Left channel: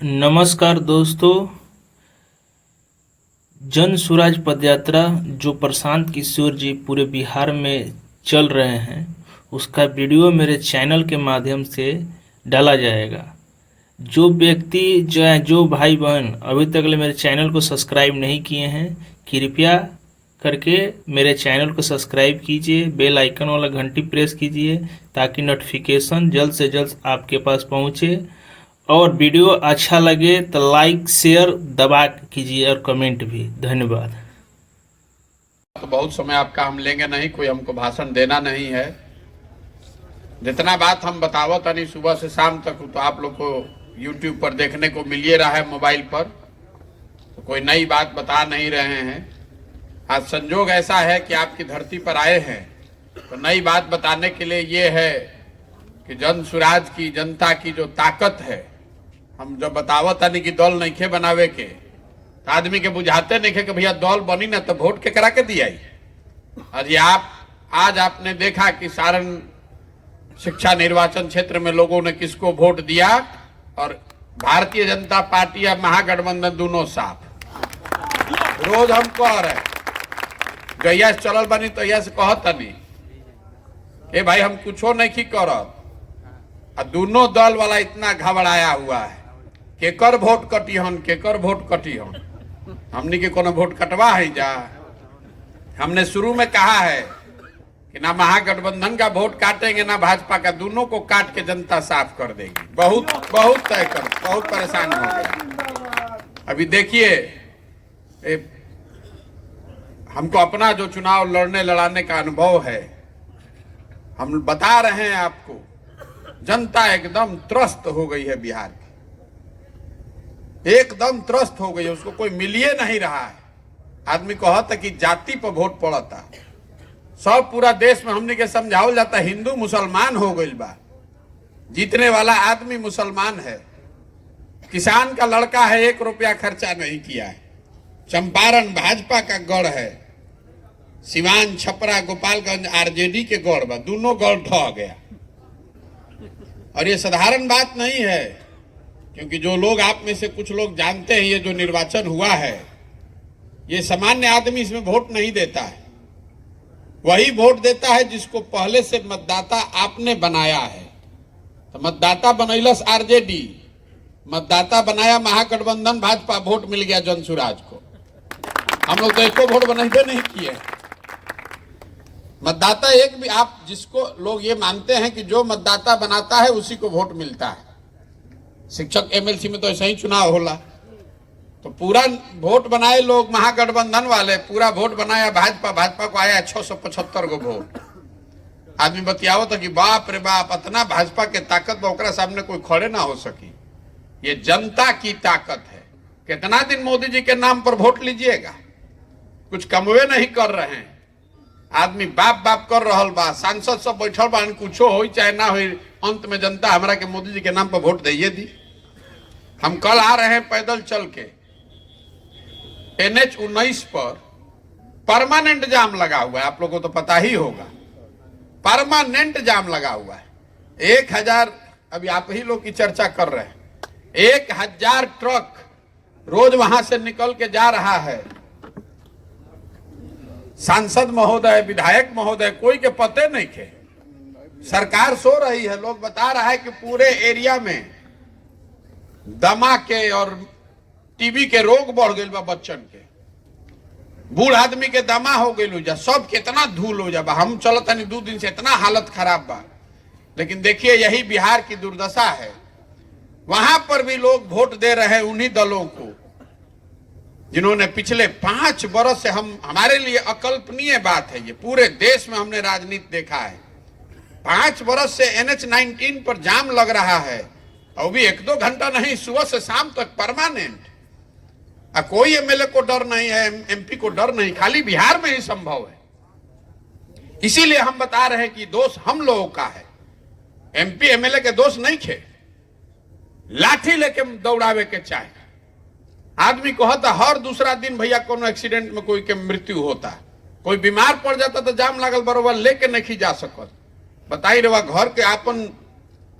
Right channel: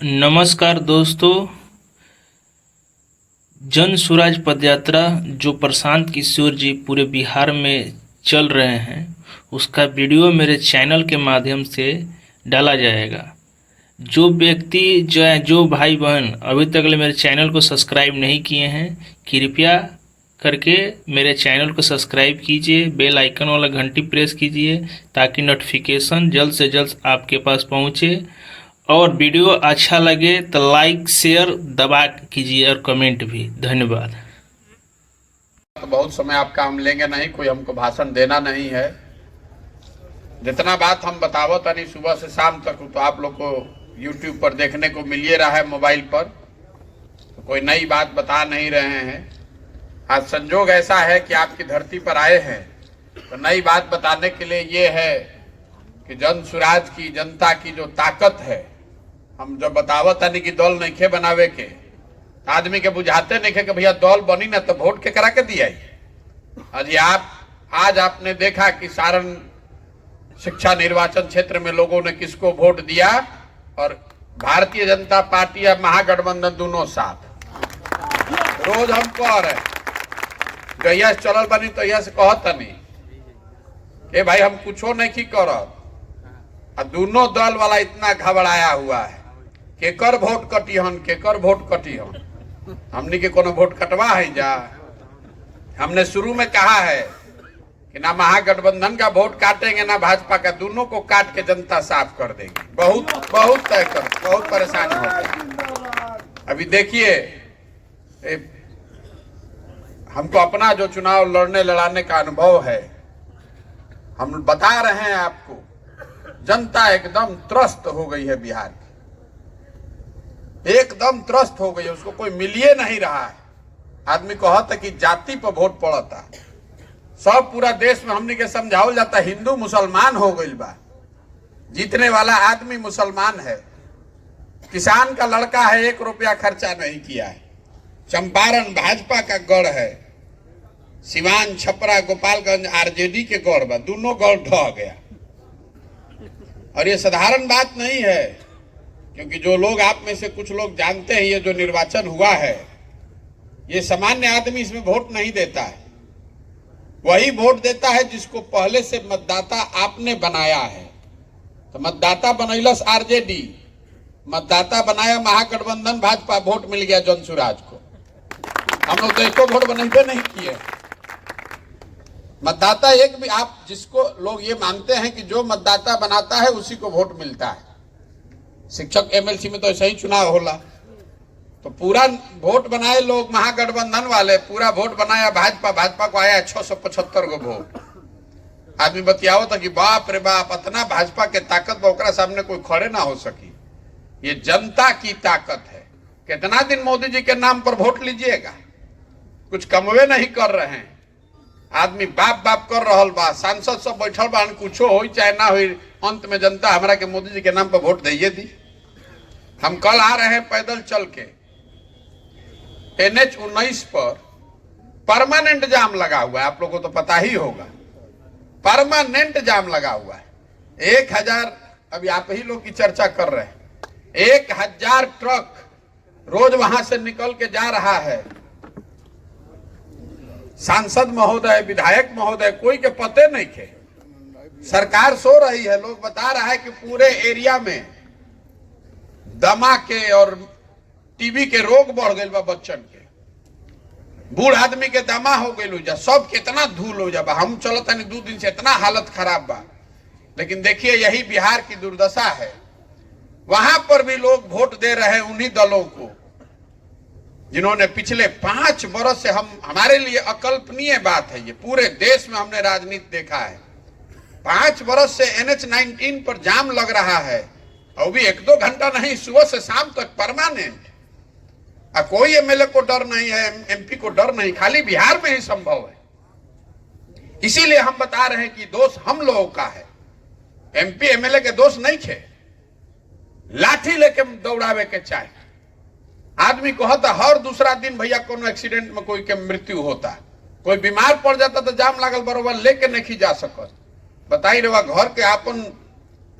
नमस्कार दोस्तों। जन स्वराज पदयात्रा जो प्रशांत किशोर जी पूरे बिहार में चल रहे हैं, उसका वीडियो मेरे चैनल के माध्यम से डाला जाएगा। जो व्यक्ति जो भाई बहन अभी तक ले मेरे चैनल को सब्सक्राइब नहीं किए हैं, कृपया करके मेरे चैनल को सब्सक्राइब कीजिए, बेल आइकन वाला घंटी प्रेस कीजिए ताकि नोटिफिकेशन जल्द से जल्द आपके पास पहुंचे। और वीडियो अच्छा लगे तो लाइक शेयर दबा कीजिए और कमेंट भी। धन्यवाद। तो बहुत समय आपका हम लेंगे नहीं, कोई हमको भाषण देना नहीं है। जितना बात हम बतावत नहीं सुबह से शाम तक तो आप लोग को YouTube पर देखने को मिल ही रहा है, मोबाइल पर। तो कोई नई बात बता नहीं रहे हैं। आज संजोग ऐसा है कि आपकी धरती पर आए हैं तो नई बात बताने के लिए ये है कि जन स्वराज की, जनता की जो ताकत है, हम जब बतावत नहीं कि दल नहीं खे बनावे के, आदमी के बुझाते नहीं खे कि भैया दल बनी ना तो वोट के करा के दिया। आज आपने देखा कि सारण शिक्षा निर्वाचन क्षेत्र में लोगों ने किसको वोट दिया, और भारतीय जनता पार्टी या महागठबंधन दोनों साथ। रोज हम कह रहे गैया चलल बनी तो यह से कहत नहीं भाई हम कुछो नहीं करब, और दोनों दल वाला इतना घबराया हुआ है केकर वोट कटिहन, केकर वोट कटिहन। हमनी के कोनो वोट कटवा है जा। हमने शुरू में कहा है कि ना महागठबंधन का वोट काटेंगे ना भाजपा का, दोनों को काट के जनता साफ कर देगी। बहुत तय कर, बहुत परेशान हो गए। अभी देखिए हमको अपना जो चुनाव लड़ने लड़ाने का अनुभव है, हम बता रहे हैं आपको, जनता एकदम त्रस्त हो गई है। बिहार की एकदम त्रस्त हो गई है, उसको कोई मिलिए नहीं रहा है। आदमी कहता कि जाति पर वोट पड़ता, सब पूरा देश में हमने के समझावल जाता हिंदू मुसलमान हो गई बा। जीतने वाला आदमी मुसलमान है, किसान का लड़का है, 1 रुपया खर्चा नहीं किया है। चंपारण भाजपा का गढ़ है, सिवान छपरा गोपालगंज आरजेडी के गढ़ बा, दोनों गढ़ ढह गया। और ये साधारण बात नहीं है, क्योंकि जो लोग आप में से कुछ लोग जानते हैं, ये जो निर्वाचन हुआ है, ये सामान्य आदमी इसमें वोट नहीं देता है। वही वोट देता है जिसको पहले से मतदाता आपने बनाया है। तो मतदाता बनैलस आरजेडी, मतदाता बनाया महागठबंधन भाजपा, वोट मिल गया जन स्वराज को। हम लोग तो एको वोट बनते नहीं किए। मतदाता एक भी, आप जिसको लोग ये मानते हैं कि जो मतदाता बनाता है उसी को वोट मिलता है। शिक्षक एमएलसी में तो ऐसा ही चुनाव होला। तो पूरा वोट बनाए लोग महागठबंधन वाले, पूरा वोट बनाया भाजपा, भाजपा को आया 675 गो वोट। आदमी बतियाओ था कि बाप रे बाप, इतना भाजपा के ताकत ओकरा सामने कोई खड़े ना हो सकी। ये जनता की ताकत है। कितना दिन मोदी जी के नाम पर वोट लीजिएगा, कुछ कमवे नहीं कर रहे हैं। आदमी बाप बाप कर रहा बा, सांसद सब बैठल बा, कुछो हो चाहे ना हो, अंत में जनता हमारा के मोदी जी के नाम पर वोट दीजिए दी। हम कल आ रहे हैं पैदल चल के, NH-19 पर परमानेंट जाम लगा हुआ है, आप लोगों को तो पता ही होगा। परमानेंट जाम लगा हुआ है। 1000, अभी आप ही लोग की चर्चा कर रहे हैं, 1000 ट्रक रोज वहां से निकल के जा रहा है। सांसद महोदय, विधायक महोदय, कोई के पते नहीं थे। सरकार सो रही है। लोग बता रहा है कि पूरे एरिया में दमा के और टीबी के रोग बढ़ गए बा, बच्चन के, बूढ़ आदमी के दमा हो गई जा, सब कितना धूल हो जा। हम चलता नहीं 2 दिन से, इतना हालत खराब बा। लेकिन देखिए यही बिहार की दुर्दशा है। वहां पर भी लोग वोट दे रहे हैं उन्हीं दलों को जिन्होंने पिछले 5 वर्ष से, हमारे लिए अकल्पनीय बात है ये, पूरे देश में हमने राजनीति देखा है। 5 वर्ष से NH-19 पर जाम लग रहा है, और भी 1-2 घंटा नहीं, सुबह से शाम तक परमानेंट। कोई एमएलए को डर नहीं है, एमपी को डर नहीं, खाली बिहार में ही संभव है। इसीलिए हम बता रहे हैं कि दोष हम लोगों का है, एमपी एमएलए के दोष नहीं थे। लाठी लेके दौड़ावे के चाहे। आदमी कहता हर दूसरा दिन भैया कोनो एक्सीडेंट में कोई के मृत्यु होता, कोई बीमार पड़ जाता तो जाम लागल बरोबर लेके नहीं जा सकत। बताई रे घर के आपन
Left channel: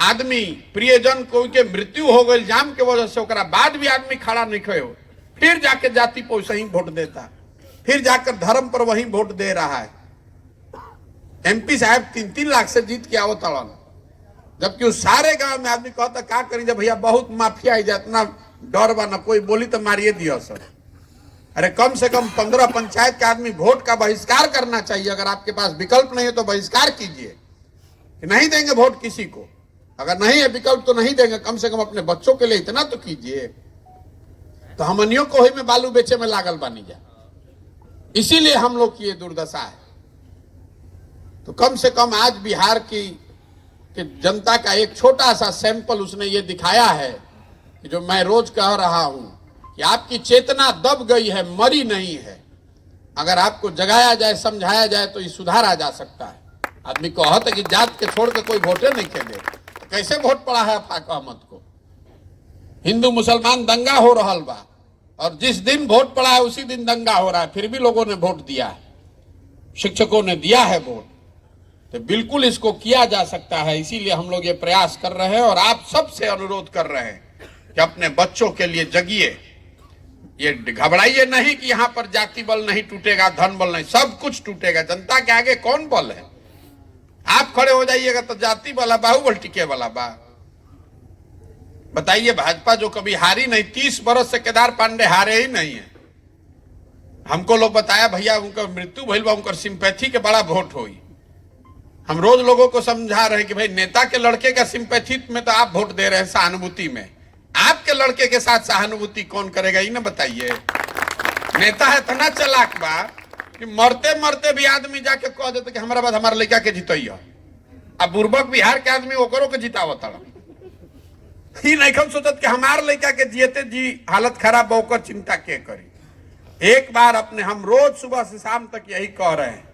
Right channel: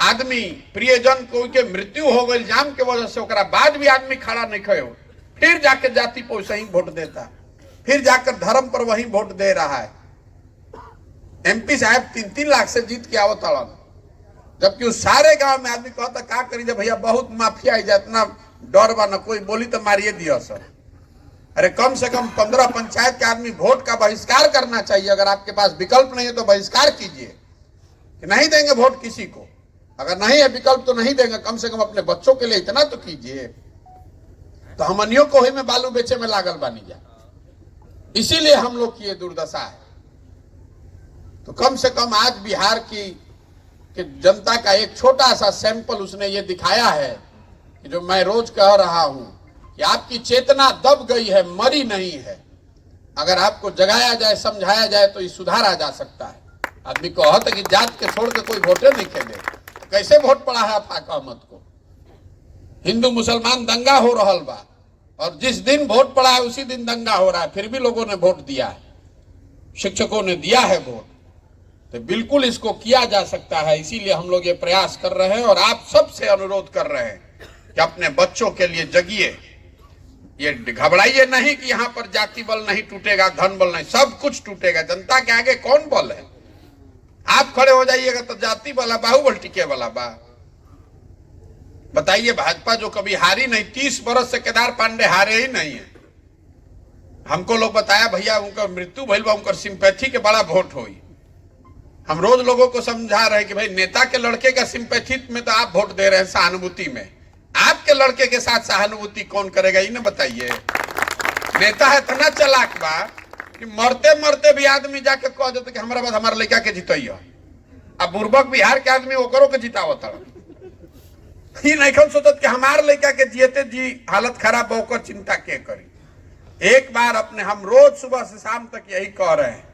आदमी प्रियजन कोई के मृत्यु हो गई जाम के वजह से, ओकरा बाद भी आदमी खड़ा नहीं खड़े हो, फिर जाके जाति पर वैसे ही वोट देता है, फिर जाकर धर्म पर वही वोट दे रहा है। एमपी साहब 3-3 लाख से जीत के आवत अड़न, जबकि उस सारे गांव में आदमी कहता का करी जब भैया बहुत माफिया है, इतना डर बा, न कोई बोली तो मारिए दिया सर। अरे कम से कम 15 पंचायत के आदमी वोट का बहिष्कार करना चाहिए। अगर आपके पास विकल्प नहीं है तो बहिष्कार कीजिए, नहीं देंगे वोट किसी को। अगर नहीं है विकल्प तो नहीं देंगे, कम से कम अपने बच्चों के लिए इतना तो कीजिए। तो हमनियों को ही में बालू बेचे में लागल बानी जा, इसीलिए हम लोग की ये दुर्दशा है। तो कम से कम आज बिहार की जनता का एक छोटा सा सैंपल उसने ये दिखाया है कि जो मैं रोज कह रहा हूं कि आपकी चेतना दब गई है, मरी नहीं है। अगर आपको जगाया जाए, समझाया जाए तो ये सुधारा जा सकता है। आदमी कहत है कि जात के छोड़ के कोई वोटे नहीं के दे, तो कैसे वोट पड़ा है आफाक अहमद को? हिंदू मुसलमान दंगा हो रहा बा, और जिस दिन वोट पड़ा है उसी दिन दंगा हो रहा है, फिर भी लोगों ने वोट दिया है, शिक्षकों ने दिया है वोट। तो बिल्कुल इसको किया जा सकता है, इसीलिए हम लोग ये प्रयास कर रहे हैं और आप सबसे अनुरोध कर रहे हैं कि अपने बच्चों के लिए जगिए। ये घबराइए नहीं कि यहाँ पर जाति बल नहीं टूटेगा, धन बल नहीं, सब कुछ टूटेगा। जनता के आगे कौन बल है? आप खड़े हो जाइएगा तो जाति वाला बाहुबल टिके वाला बा। बताइए, भाजपा जो कभी हारी नहीं, 30 बरस से केदार पांडे हारे ही नहीं है। हमको लोग बताया भैया उनका मृत्यु भइल बा, उनका सिंपैथी के बड़ा वोट होई। हम रोज लोगों को समझा रहे हैं कि भाई नेता के लड़के का सिंपैथी में तो आप वोट दे रहे हैं, सहानुभूति में। आपके लड़के के साथ सहानुभूति कौन करेगा, ये ना बताइए। नेता है इतना चालाक बा कि मरते मरते भी आदमी जाके कह देते कि हमारा बाद हमारे लड़का के जितैया। अब बुर्बक बिहार के आदमी ओकरों के जितावत ही नहीं सोचत कि हमारे लड़का के जियते जी हालत खराब होकर चिंता के करी। एक बार अपने हम रोज सुबह से शाम तक यही कह रहे हैं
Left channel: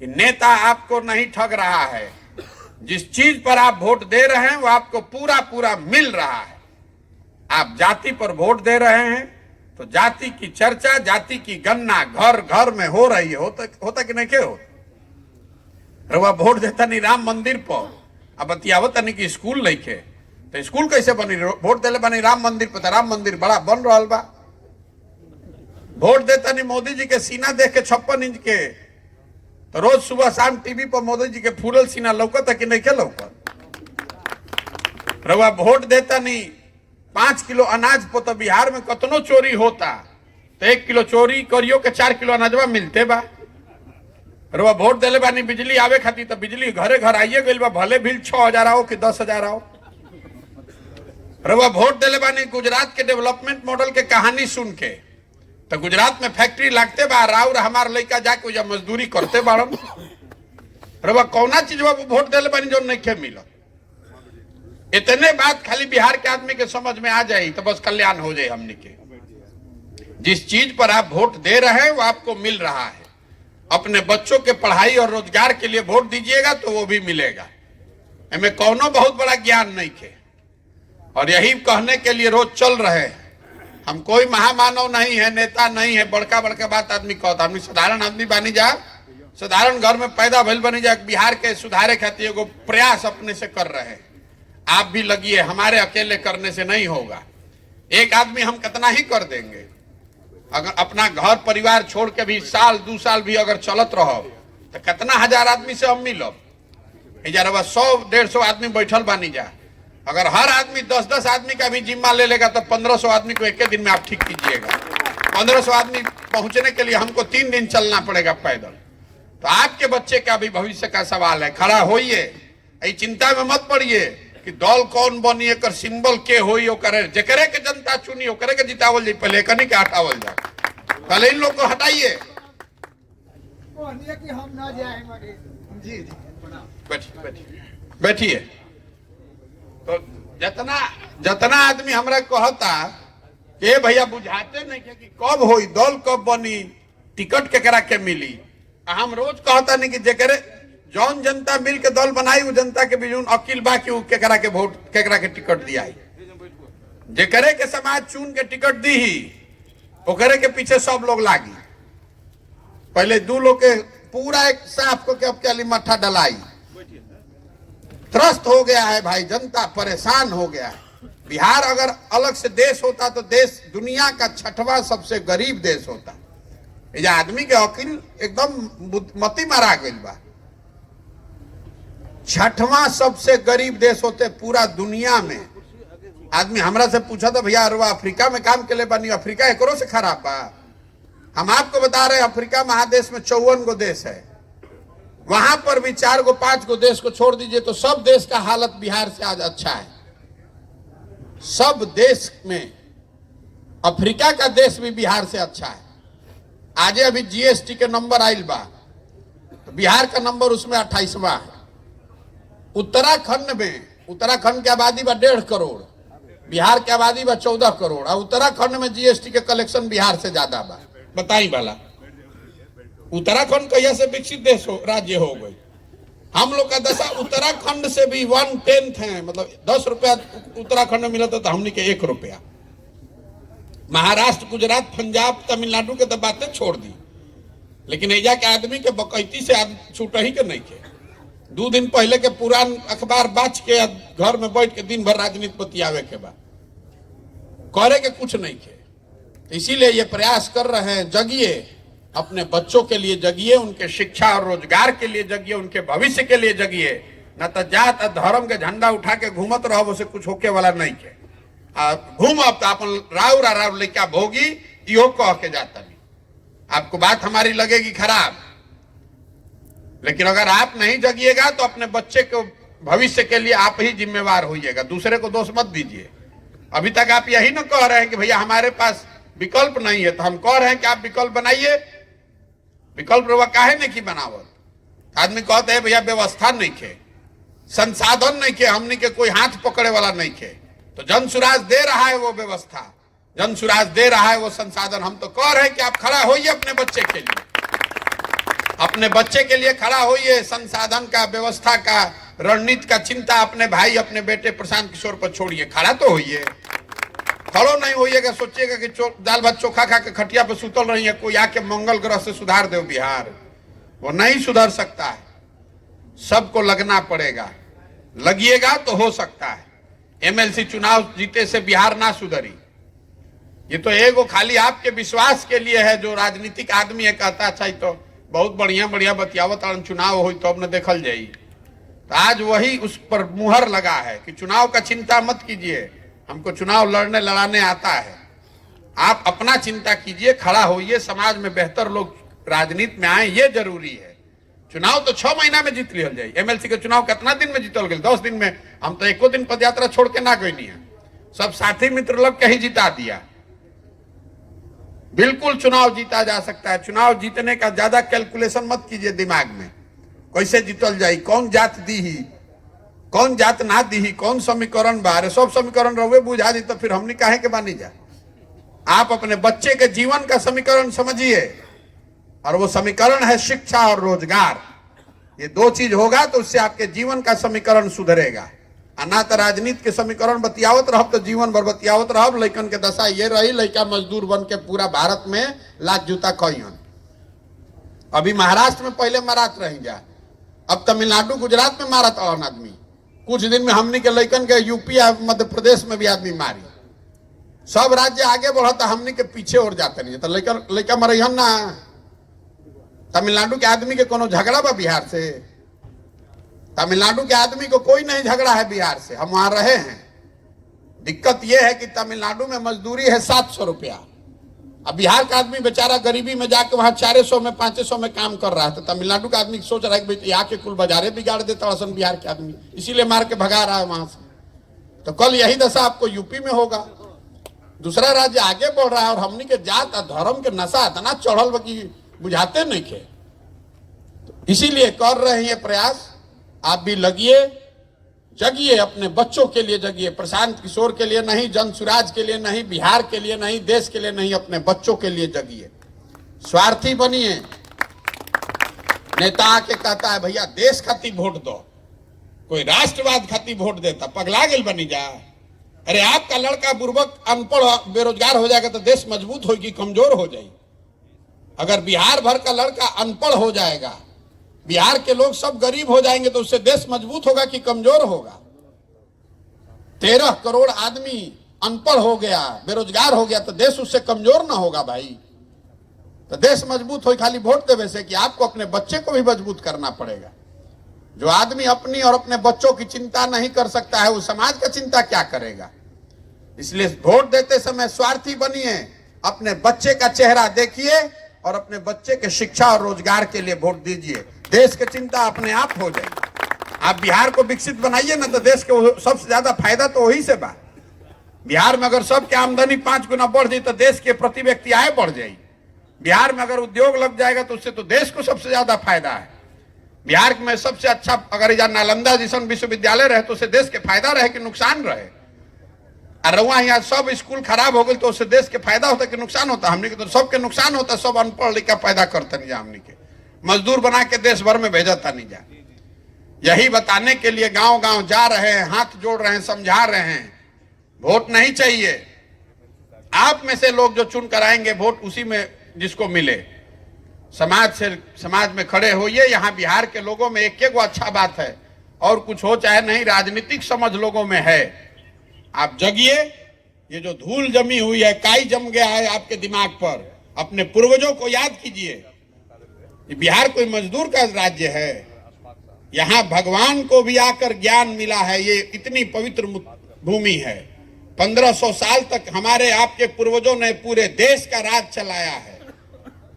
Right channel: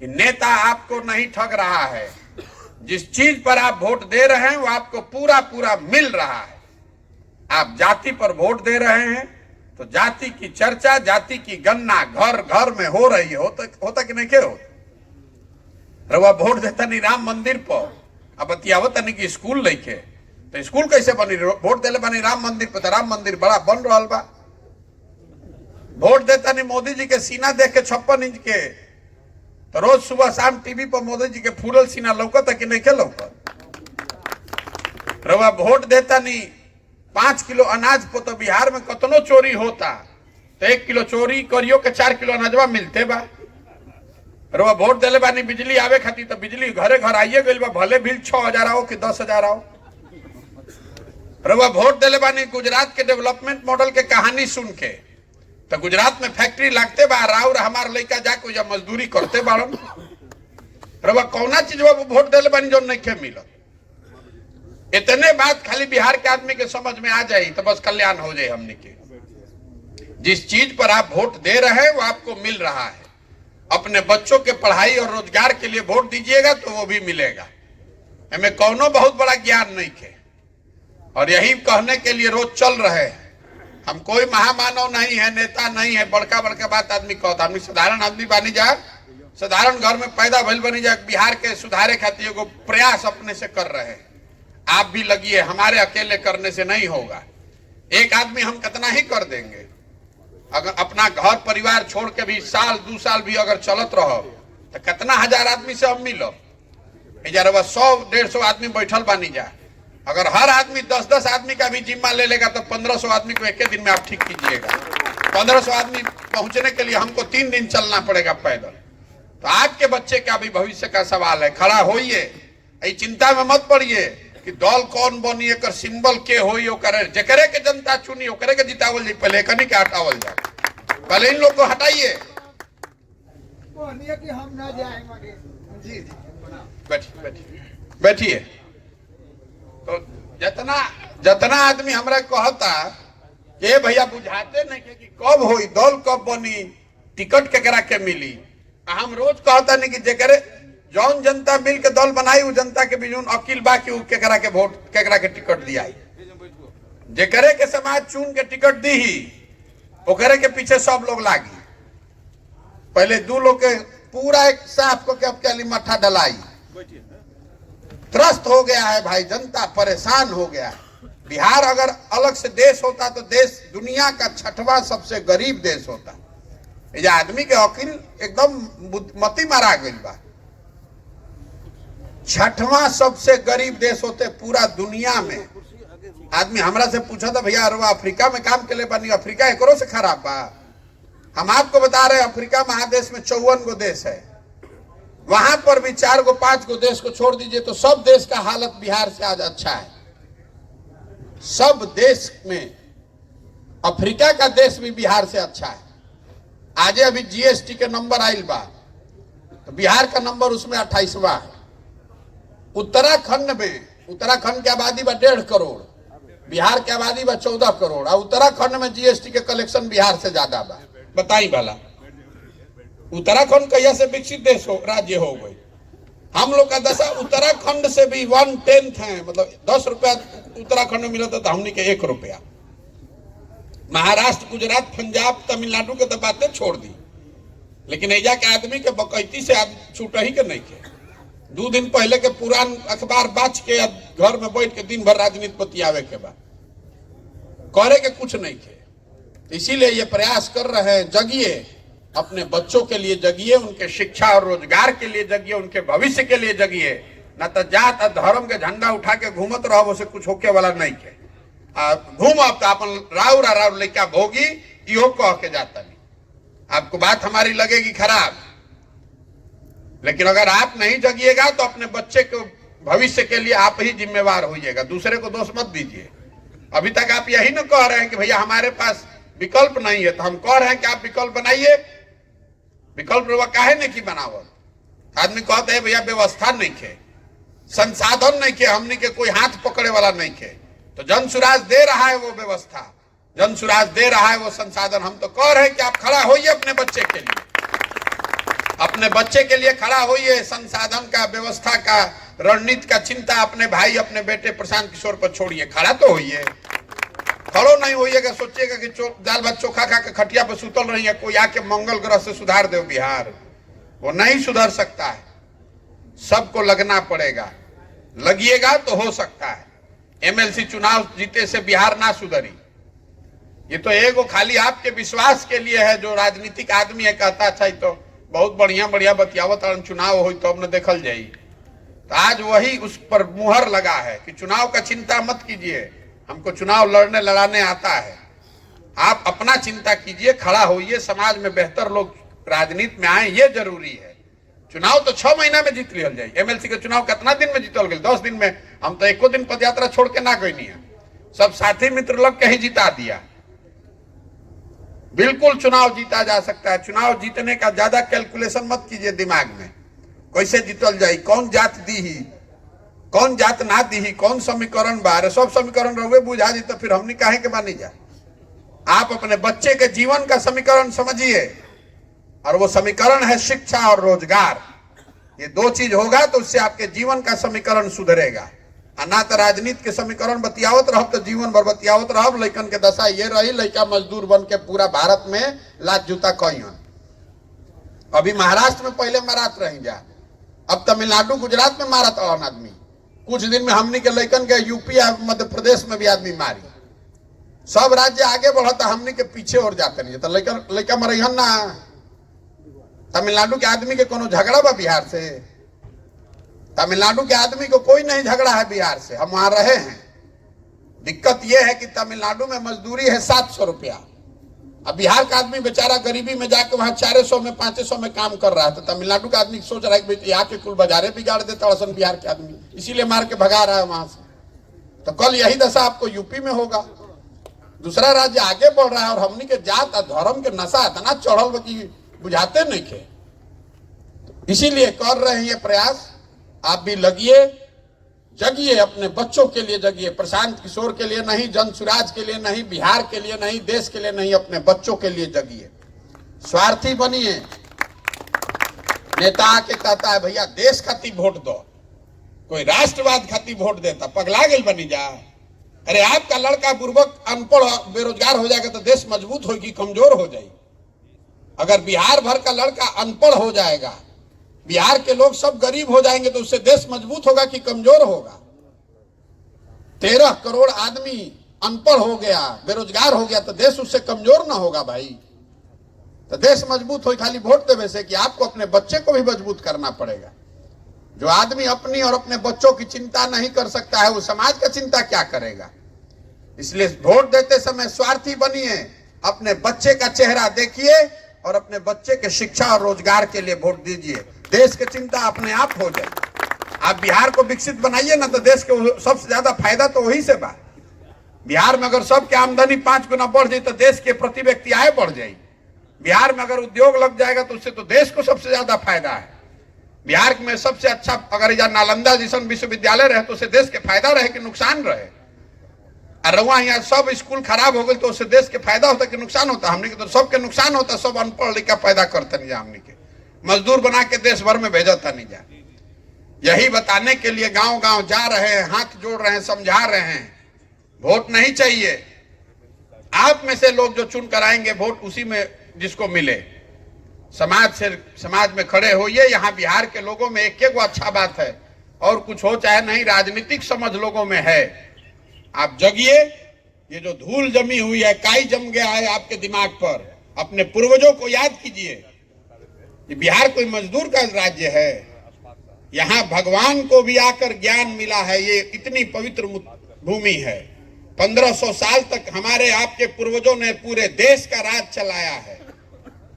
कि नेता आपको नहीं ठग रहा है, जिस चीज पर आप वोट दे रहे हैं वो आपको पूरा पूरा मिल रहा है। आप जाति पर वोट दे रहे हैं तो जाति की चर्चा, जाति की गणना घर घर में हो रही है। होता कि नहीं के हो? वह वोट देता नहीं राम मंदिर पर, अब बतियावत नहीं कि स्कूल लेके, तो स्कूल कैसे बनी? वोट देले बनी राम मंदिर पर, तो राम मंदिर बड़ा बन रहा बा। वोट देता नहीं मोदी जी के सीना देख के 56 इंच के, तो रोज सुबह शाम टीवी पर मोदी जी के फूलल सीना लौकता कि नहीं के लौकत? रवा वोट देता नहीं 5 किलो अनाज पर, तो बिहार में कतनो चोरी होता तो 1 किलो चोरी करियो के 4 किलो अनाजवा मिलते बा। रवा वोट देले बानी बिजली आवे खातिर, तो बिजली घरे घर आइए गई बा, भले बिल 6,000 आओ कि 10,000 आओ। रवा वोट देले बानी गुजरात के डेवलपमेंट मॉडल के कहानी सुन के, तो गुजरात में फैक्ट्री लगते बा, राउर हमार लड़का जाके या मजदूरी करते बारन। रवा कौना चीज वोट देले बानी जो नहीं मिला? इतने बात खाली बिहार के आदमी के समझ में आ जाए तो बस कल्याण हो जाए हमने के। जिस चीज पर आप वोट दे रहे हैं वो आपको मिल रहा है। अपने बच्चों के पढ़ाई और रोजगार के लिए वोट दीजिएगा तो वो भी मिलेगा। हमें कौनो बहुत बड़ा ज्ञान नहीं थे, और यही कहने के लिए रोज चल रहे हैं। हम कोई महामानव नहीं है, नेता नहीं है, बड़का बड़का बात आदमी कहता। हम साधारण आदमी बनी जाए, साधारण घर में पैदा भइल बनी जाए। बिहार के सुधारे खातिर एगो प्रयास अपने से कर रहे हैं। आप भी लगिए, हमारे अकेले करने से नहीं होगा। एक आदमी हम कितना ही कर देंगे। अगर अपना घर परिवार छोड़ के भी साल 2 साल भी अगर चलत रहो तो कितना हजार आदमी से हम मिलो। 100-150 आदमी बैठल बानी जा, अगर हर आदमी 10-10 आदमी का भी जिम्मा ले लेगा तो 1500 आदमी को एक दिन में आप ठीक कीजिएगा। 1500 आदमी पहुंचने के लिए हमको 3 दिन चलना पड़ेगा पैदल। तो आपके बच्चे का भी भविष्य का सवाल है। खड़ा होइए, चिंता में मत पड़िए कि दल कौन बनी, एक सिंबल के होई, जेकरे के जनता चुनी ओकरे के जितावल जाए। पहले कनी के हटावल जाए, पहले इन लोग को हटाइए। कि हम ना जाएंगे। जी बैठिए। तो जितना आदमी हमरा कहता के भैया बुझाते नहीं कि कब होई, दल कब बनी, टिकट केकरा के मिली। हम रोज कहता नहीं कि जेकरे जौन जनता मिल के दल बनाई वो जनता के भी अकील बा कि केकरा के वोट, केकरा के टिकट दिया। जेकरे के समाज चुन के टिकट दी ही ओकरे के पीछे सब लोग लागी। पहले 2 लोग के पूरा एक साफ को के अब क्या मट्ठा डलाई। त्रस्त हो गया है भाई, जनता परेशान हो गया है। बिहार अगर अलग से देश होता तो देश दुनिया का 6वां सबसे गरीब देश होता। ये आदमी के यकीन एकदम मती मारा गई बा। 6वां सबसे गरीब देश होते पूरा दुनिया में। आदमी हमरा से पूछा था, भैया अरे अफ्रीका में काम के लिए बनी, अफ्रीका एकरो से खराब बा? हम आपको बता रहे हैं अफ्रीका महादेश में 54 गो देश है, वहां पर भी 4 गो 5 गो देश को छोड़ दीजिए तो सब देश का हालत बिहार से आज अच्छा है। सब देश में अफ्रीका का देश भी बिहार से अच्छा है। आज अभी जीएसटी के नंबर आइल बा तो बिहार का नंबर उसमें 28वां है। उत्तराखंड में, उत्तराखंड की आबादी बा 1.5 करोड़, बिहार की आबादी बा 14 करोड़ और उत्तराखंड में जीएसटी के कलेक्शन बिहार से ज्यादा बा। बताई भला उत्तराखंड कहिया से विकसित देश हो राज्य हो गई? हम लोग का दशा उत्तराखंड से भी 1/10 है, मतलब 10 रुपया उत्तराखंड में मिला तो हमने के 1 रुपया। महाराष्ट्र, गुजरात, पंजाब, तमिलनाडु के तो बातें छोड़ दी, लेकिन एजा के आदमी के बकैती से छूट ही के नहीं के। 2 दिन पहले के पुरान अखबार बाच के घर में बैठ के दिन भर राजनीति बतियावे के बाद करे के कुछ नहीं के। इसीलिए ये प्रयास कर रहे हैं, जगिए, अपने बच्चों के लिए जगिए, उनके शिक्षा और रोजगार के लिए जगिए, उनके भविष्य के लिए जगिए। न तो जात धर्म के झंडा उठा के घूमत रहो, उसे कुछ होके वाला नहीं के। घूम अब तो अपन राव लेके भोगी यो कह के जाता नहीं। आपको बात हमारी लगेगी खराब, लेकिन अगर आप नहीं जगिएगा तो अपने बच्चे को भविष्य के लिए आप ही जिम्मेवार होइएगा, दूसरे को दोष मत दीजिए। अभी तक आप यही ना कह रहे हैं कि भैया हमारे पास विकल्प नहीं है, तो हम कह रहे हैं कि आप विकल्प बनाइए। विकल्प काहे नहीं की बनावत? आदमी कहते हैं भैया व्यवस्था नहीं खे, संसाधन नहीं खे, हमने के कोई हाथ पकड़े वाला नहीं खे। तो जन सुराज दे रहा है वो व्यवस्था, जन सुराज दे रहा है वो संसाधन। हम तो कह रहे हैं कि आप खड़ा होइए अपने बच्चे के लिए, अपने बच्चे के लिए खड़ा होइए। संसाधन का, व्यवस्था का, रणनीति का चिंता अपने भाई, अपने बेटे प्रशांत किशोर पर छोड़िए, खड़ा तो होइए। खड़ो नहीं होइएगा, सोचिएगा कि दाल भात चोखा खा के खटिया पे सुतल रही है, कोई आके मंगल ग्रह से सुधार दो बिहार। वो नहीं सुधर सकता है, सबको लगना पड़ेगा। लगिएगा तो हो सकता है। एमएलसी चुनाव जीते से बिहार ना सुधरी। ये तो एगो खाली आपके विश्वास के लिए है। जो राजनीतिक आदमी है कहता अच्छा तो बहुत बढ़िया बढ़िया बतियावत चुनाव हो तो अब न देखल जाई। तो आज वही उस पर मुहर लगा है कि चुनाव का चिंता मत कीजिए, हमको चुनाव लड़ने लड़ाने आता है। आप अपना चिंता कीजिए, खड़ा होइए, समाज में बेहतर लोग राजनीति में आए, ये जरूरी है। चुनाव तो 6 महीना में जीत लिया जाए। एमएलसी के चुनाव कितना दिन में जीतल गए? 10 दिन में। हम तो एको दिन पदयात्रा छोड़ के ना गई नहीं है, सब साथी मित्र लोग के ही जिता दिया। बिल्कुल चुनाव जीता जा सकता है। चुनाव जीतने का ज्यादा कैलकुलेशन मत कीजिए दिमाग में, कैसे जीतल जाए, कौन जात दी ही, कौन जात ना दी ही, कौन समीकरण बारे, सब समीकरण रहुए बुझा दी तो फिर हमने काहे के बानी जा। आप अपने बच्चे के जीवन का समीकरण समझिए, और वो समीकरण है शिक्षा और रोजगार। ये 2 चीज होगा तो उससे आपके जीवन का समीकरण सुधरेगा। ना तो राजनीति के समीकरण बतियावत रहब तो जीवन भर बतियावत रहब। लइकन के दशा ये रही, लइका मजदूर बन के पूरा भारत में लात जूता कहियन। अभी महाराष्ट्र में पहले मारत रह गया, अब तमिलनाडु गुजरात में मारत और आदमी। कुछ दिन में हमने के लइकन के यूपी मध्य प्रदेश में भी आदमी मारी। सब राज्य आगे बढ़ता, हमने के पीछे और जाते नहीं। तो लइका मरहन ना। तमिलनाडु के आदमी के कोनो झगड़ा बा बिहार से? तमिलनाडु के आदमी को कोई नहीं झगड़ा है बिहार से, हम वहां रहे हैं। दिक्कत यह है कि तमिलनाडु में मजदूरी है 700 रुपया। अब बिहार का आदमी बेचारा गरीबी में जाकर वहां 400 में 500 में काम कर रहा है। तो तमिलनाडु का आदमी सोच रहा है कि यहाँ के कुल बाजारे बिगाड़ देता है बिहार के आदमी, इसीलिए मार के भगा रहा है वहां से। तो कल यही दशा आपको यूपी में होगा। दूसरा राज्य आगे बढ़ रहा है और हमनी के जात और धर्म के नशा इतना चढ़ल की बुझाते नहीं थे। इसीलिए कर रहे हैं ये प्रयास। आप भी लगिए, जगिए, अपने बच्चों के लिए जगिए। प्रशांत किशोर के लिए नहीं, जन सुराज के लिए नहीं, बिहार के लिए नहीं, देश के लिए नहीं, अपने बच्चों के लिए जगिए। स्वार्थी बनिए। नेता आके कहता है भैया देश खातिर वोट दो, कोई राष्ट्रवाद खातिर वोट देता, पगला गई बनी जा। अरे आपका लड़का बुर्बक अनपढ़ बेरोजगार हो जाएगा तो देश मजबूत होगी, कमजोर हो जाएगी। अगर बिहार भर का लड़का अनपढ़ हो जाएगा बिहार के लोग सब गरीब हो जाएंगे तो उससे देश मजबूत होगा कि कमजोर होगा? 13 करोड़ आदमी अनपढ़ हो गया, बेरोजगार हो गया तो देश उससे कमजोर ना होगा भाई? तो देश मजबूत हो खाली वोट देवे से कि आपको अपने बच्चे को भी मजबूत करना पड़ेगा। जो आदमी अपनी और अपने बच्चों की चिंता नहीं कर सकता है वो समाज का चिंता क्या करेगा? इसलिए वोट देते समय स्वार्थी बनिए, अपने बच्चे का चेहरा देखिए और अपने बच्चे के शिक्षा और रोजगार के लिए वोट दीजिए। देश की चिंता अपने आप हो जाएगी। आप बिहार को विकसित बनाइए ना तो देश को सबसे ज्यादा फायदा तो वही से बा। बिहार में अगर सबकी आमदनी 5 गुना बढ़ जाए तो देश के प्रति व्यक्ति आय बढ़ जाएगी। बिहार में अगर उद्योग लग जाएगा तो उससे तो देश को सबसे ज्यादा फायदा है। बिहार में सबसे अच्छा अगर यहाँ नालंदा जैसा विश्वविद्यालय रहे तो उससे देश के फायदा रहे कि नुकसान रहे? और वहां यहाँ सब स्कूल खराब हो गए तो उससे देश के फायदा होता कि नुकसान होता? हमने के तो सबके नुकसान होता। सब अनपढ़ लिखा पैदा करते नहीं, हमने के मजदूर बना के देश भर में भेजता नहीं जा। यही बताने के लिए गांव गांव जा रहे हैं, हाथ जोड़ रहे हैं, समझा रहे हैं। वोट नहीं चाहिए, आप में से लोग जो चुन कर आएंगे वोट उसी में जिसको मिले। समाज में खड़े होइए। यहाँ बिहार के लोगों में एक एक अच्छा बात है, और कुछ हो चाहे नहीं, राजनीतिक समझ लोगों में है। आप जगिए। ये जो धूल जमी हुई है, काई जम गया है आपके दिमाग पर, अपने पूर्वजों को याद कीजिए। ये बिहार कोई मजदूर का राज्य है। यहाँ भगवान को भी आकर ज्ञान मिला है। ये इतनी पवित्र भूमि है। 1500 साल तक हमारे आपके पूर्वजों ने पूरे देश का राज चलाया है।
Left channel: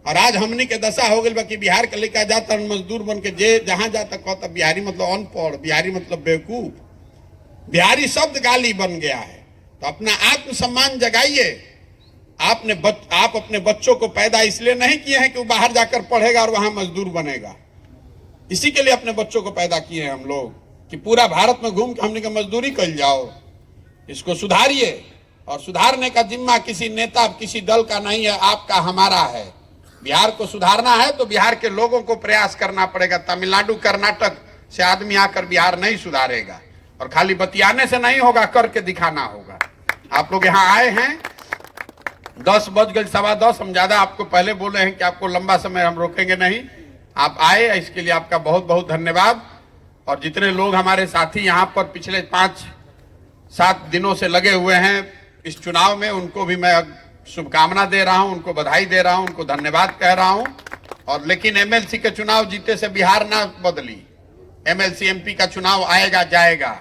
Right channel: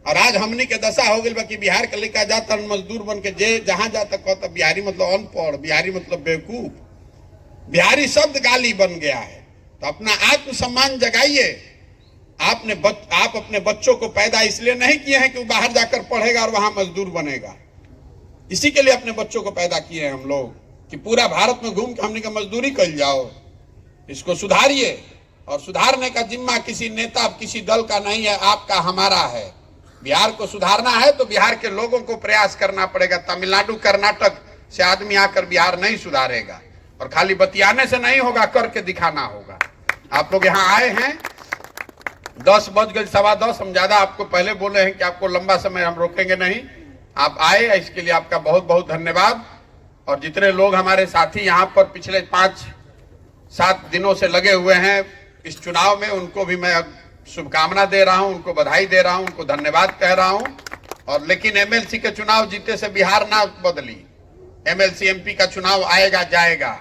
और आज हमनी के दशा हो गई कि बिहार का लेकर जाता मजदूर बन के जे जहां जाता कहता बिहारी मतलब अनपढ़, बिहारी मतलब बेवकूफ, बिहारी शब्द गाली बन गया है। तो अपना आत्मसम्मान जगाइए। आप अपने बच्चों को पैदा इसलिए नहीं किए हैं कि वो बाहर जाकर पढ़ेगा और वहां मजदूर बनेगा। इसी के लिए अपने बच्चों को पैदा किए हैं हम लोग कि पूरा भारत में घूम के हमनी का मजदूरी कर जाओ। इसको सुधारिए। और सुधारने का जिम्मा किसी नेता किसी दल का नहीं है, आपका हमारा है। बिहार को सुधारना है तो बिहार के लोगों को प्रयास करना पड़ेगा। तमिलनाडु कर्नाटक से आदमी आकर बिहार नहीं सुधारेगा। और खाली बतियाने से नहीं होगा, करके दिखाना होगा। आप लोग यहाँ आए हैं, 10 बज गए, 10:15। हम ज्यादा आपको पहले बोले हैं कि आपको लंबा समय हम रोकेंगे नहीं। आप आए, इसके लिए आपका बहुत बहुत धन्यवाद। और जितने लोग हमारे साथी यहाँ पर पिछले 5-7 दिनों से लगे हुए हैं इस चुनाव में, उनको भी मैं शुभकामना दे रहा हूं, उनको बधाई दे रहा हूं, उनको धन्यवाद कह रहा हूं। और लेकिन एमएलसी के चुनाव जीते से बिहार ना बदली। एमएलसी एमपी का चुनाव आएगा जाएगा।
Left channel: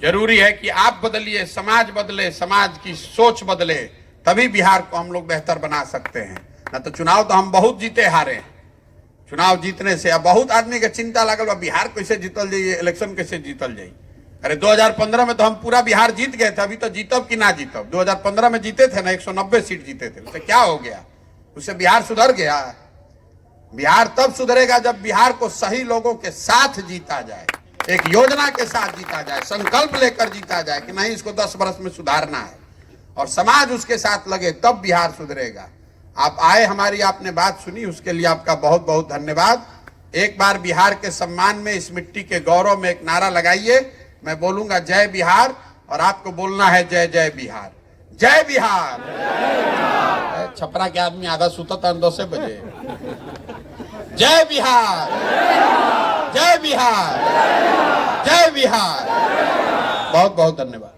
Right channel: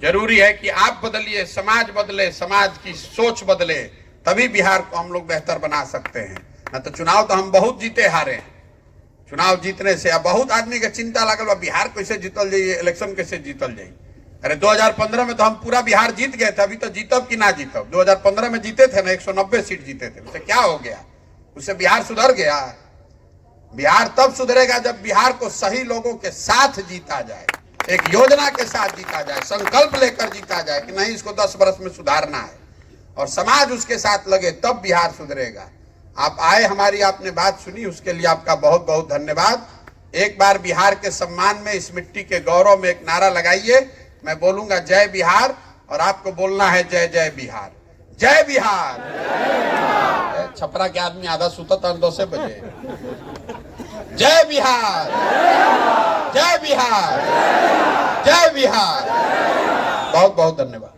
जरूरी है कि आप बदलिए, समाज बदले, समाज की सोच बदले, तभी बिहार को हम लोग बेहतर बना सकते हैं। न तो चुनाव तो हम बहुत जीते हारे हैं। चुनाव जीतने से अब बहुत आदमी के चिंता लगल बिहार कैसे जीतल जाइए, इलेक्शन कैसे जीतल जाइए। अरे 2015 में तो हम पूरा बिहार जीत गए थे। अभी तो जीतब कि ना जीतब? 2015 में जीते थे ना, 190 सीट जीते थे। उससे क्या हो गया? उससे बिहार सुधर गया? बिहार तब सुधरेगा जब बिहार को सही लोगों के साथ जीता जाए, एक योजना के साथ जीता जाए, संकल्प लेकर जीता जाए कि नहीं इसको 10 वर्ष में सुधारना है, और समाज उसके साथ लगे, तब बिहार सुधरेगा। आप आए, हमारी आपने बात सुनी, उसके लिए आपका बहुत बहुत धन्यवाद। एक बार बिहार के सम्मान में, इस मिट्टी के गौरव में एक नारा लगाइए। मैं बोलूंगा जय बिहार और आपको बोलना है जय जय बिहार। जय बिहार। छपरा के आदमी आधा सुता था 10 बजे। जय बिहार, जय बिहार, जय बिहार। बहुत बहुत धन्यवाद।